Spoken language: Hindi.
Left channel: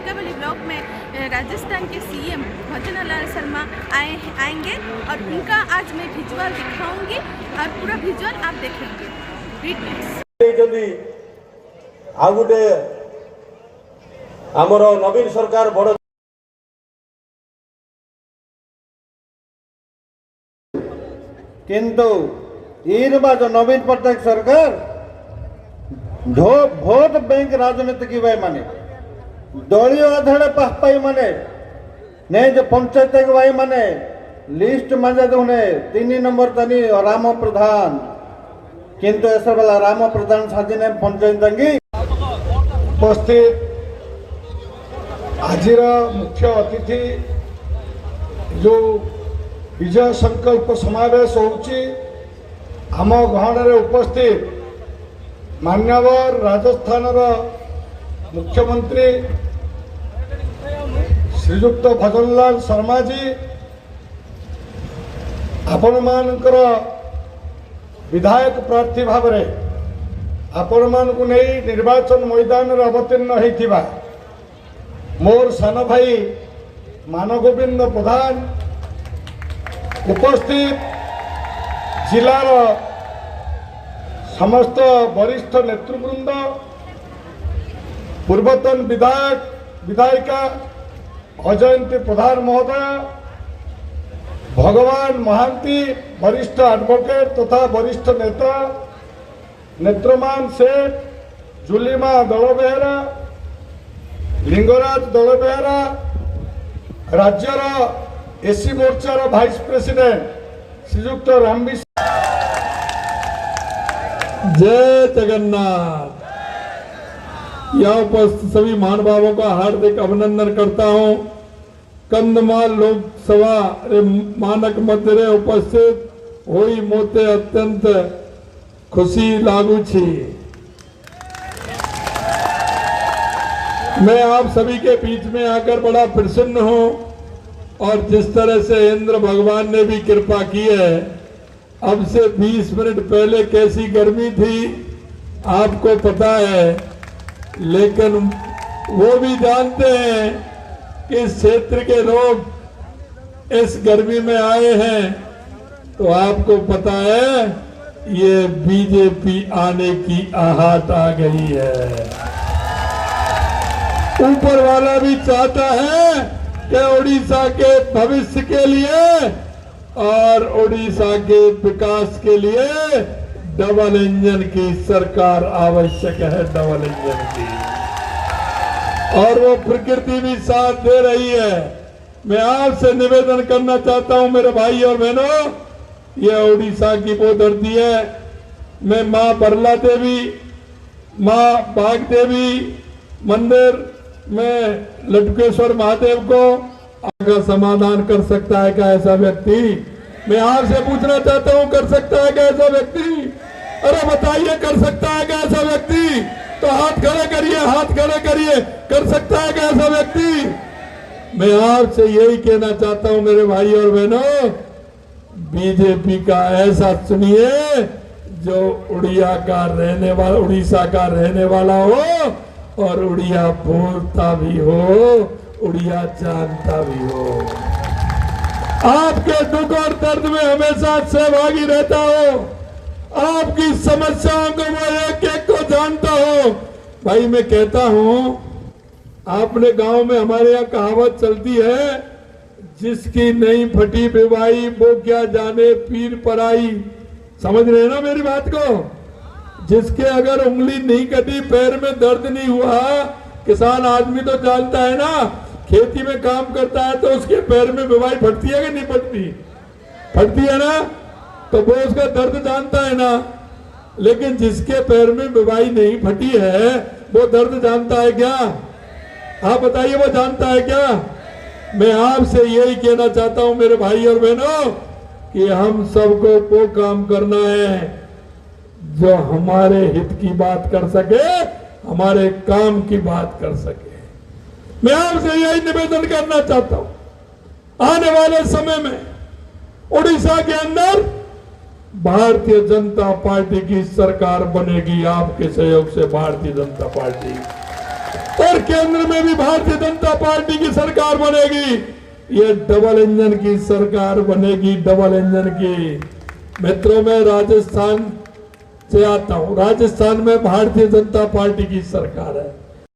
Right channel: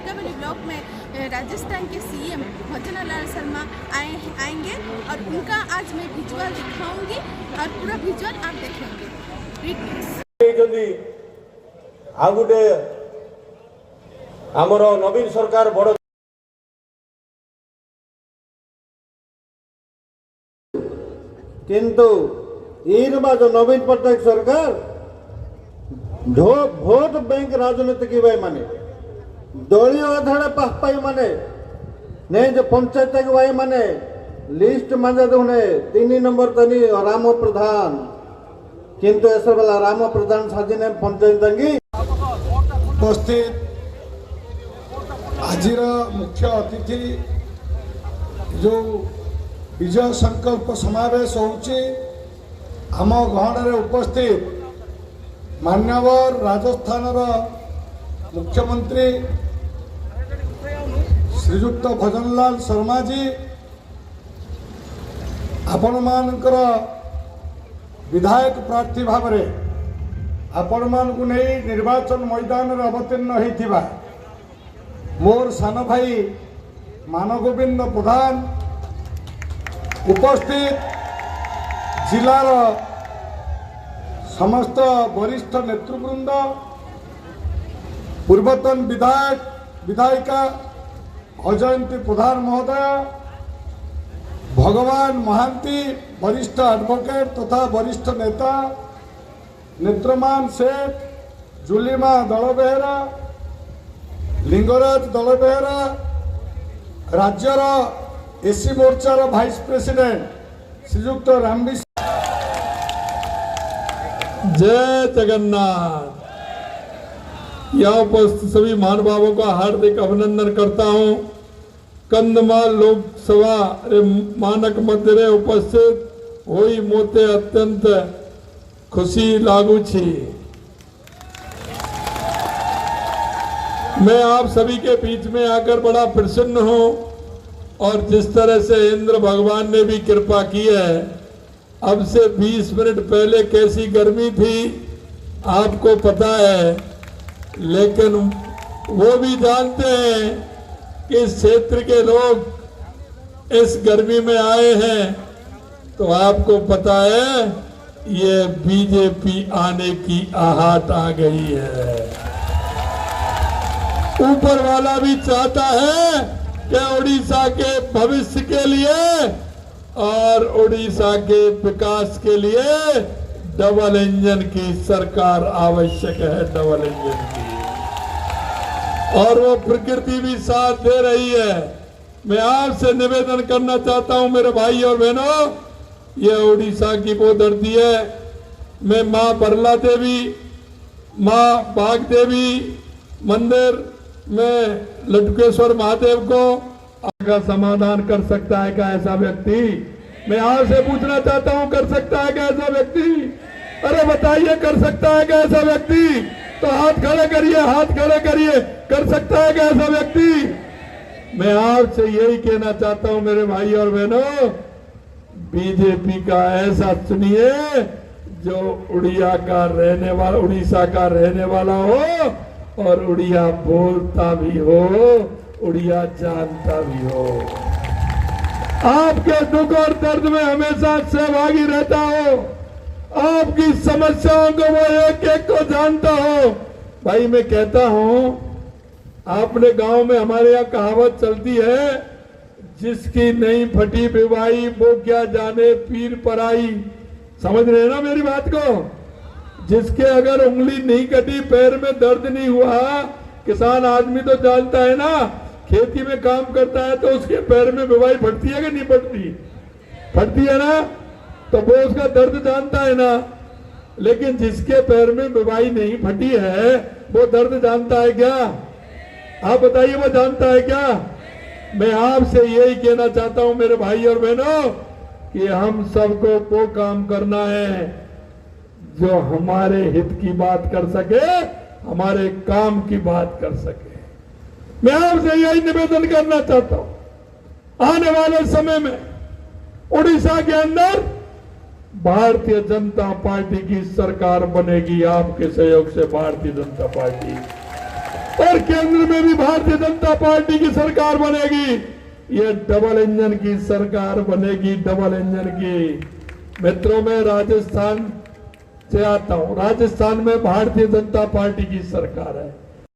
टिकावली ब्लॉक में राजस्थान के सीएम भजनलाल शर्मा आएंगे और उनका आज मैं विजुअल दिखाऊंगी और पूरा विजुअल आप देखेंगे। आ गोटे आमर नवीन सरकार बड़ किंतु जो नवीन पट्टनायक सरकार भोट बैंक राजनीति की भाई माने दलीय आधार पाई माने ने जो पंचायत भाई माने लिस्ट मजा दुने 3 नंबर तनी राम प्रधान किंतु ऐसा बेला राम प्रधान साजिने पंचायत उपस्थित आजिर मुख्य अतिथि जो विजय संकल्प समावेश होउची आम गहन उपस्थित मान्यवर राजस्थान मुख्यमंत्री श्रीयुक्त भजनलाल शर्मा जी आपण मानकर विधायक प्रार्थी भाव आपण मान को नहीं निर्वाचन मैदान में अवतीर्ण होता मोर सान भाई मानगोविंद प्रधान उपस्थित जिलार समस्त वरिष्ठ नेतृवृंद पूर्वतन विधायक विधायिका अजयंती प्रधान महोदय भगवान महांती वरिष्ठ एडवोकेट तथा वरिष्ठ नेता नेत्रमान सेठ जुलीमा दलबेहरा लिंगराज दलबेहरा राज्यर एसी मोर्चार भाइस प्रेसिडेंट श्रीयुक्त रामविश जय जगन्नाथ। यहाँ उपस्थित सभी महानुभावों का हार्दिक अभिनंदन करता हूँ। कंधमाल लोकसभा मानक मंदिरे उपस्थित हुई मोते अत्यंत खुशी लागू छी। मैं आप सभी के बीच में आकर बड़ा प्रसन्न हूँ और जिस तरह से इंद्र भगवान ने भी कृपा की है, अब से 20 मिनट पहले कैसी गर्मी थी आपको पता है, लेकिन वो भी जानते हैं कि इस क्षेत्र के लोग इस गर्मी में आए हैं, तो आपको पता है ये बीजेपी आने की आहट आ गई है। ऊपर वाला भी चाहता है कि उड़ीसा के भविष्य के लिए और उड़ीसा के विकास के लिए डबल इंजन की सरकार आवश्यक है, डबल इंजन की, और वो प्रकृति भी साथ दे रही है। मैं आपसे निवेदन करना चाहता हूं मेरे भाई और बहनों, ये उड़ीसा की वो धरती है। मैं मां बरला देवी, मां बाघ देवी मंदिर में लटकेश्वर महादेव को का समाधान कर सकता है क्या ऐसा व्यक्ति? मैं आपसे पूछना चाहता हूं, कर सकता है क्या ऐसा व्यक्ति? अरे बताइए, कर सकता है क्या ऐसा व्यक्ति? तो हाथ खड़े करिए, हाथ खड़े करिए। कर सकता है क्या ऐसा व्यक्ति? मैं आपसे यही कहना चाहता हूं मेरे भाई और बहनों, बीजेपी का ऐसा चुनिए जो उड़िया का रहने वाला, उड़ीसा का रहने वाला हो और उड़िया बोलता भी हो, उड़िया जानता भी हो, आपके दुख और दर्द में हमेशा सहभागी रहता हो, आपकी समस्याओं को वो एक एक को जानता हो। भाई मैं कहता हूं, आपने गांव में हमारे यहाँ कहावत चलती है, जिसकी नहीं फटी बिवाई वो क्या जाने पीर पराई। समझ रहे ना मेरी बात को? जिसके अगर उंगली नहीं कटी, पैर में दर्द नहीं हुआ, किसान आदमी तो जानता है ना, खेती में काम करता है तो उसके पैर में बिवाई फटती है कि नहीं फटती? फटती है ना, तो वो उसका दर्द जानता है ना। लेकिन जिसके पैर में बिवाई नहीं फटी है वो दर्द जानता है क्या? आप बताइए, वो जानता है क्या? मैं आपसे यही कहना चाहता हूं मेरे भाई और बहनों कि हम सबको वो काम करना है जो हमारे हित की बात कर सके, हमारे काम की बात कर सके। मैं आपसे यही निवेदन करना चाहता हूं, आने वाले समय में उड़ीसा के अंदर भारतीय जनता पार्टी की सरकार बनेगी, आपके सहयोग से भारतीय जनता पार्टी। और केंद्र में भी भारतीय जनता पार्टी की सरकार बनेगी। ये डबल इंजन की सरकार बनेगी, डबल इंजन की। मित्रों, मैं राजस्थान से आता हूं। राजस्थान में भारतीय जनता पार्टी की सरकार है।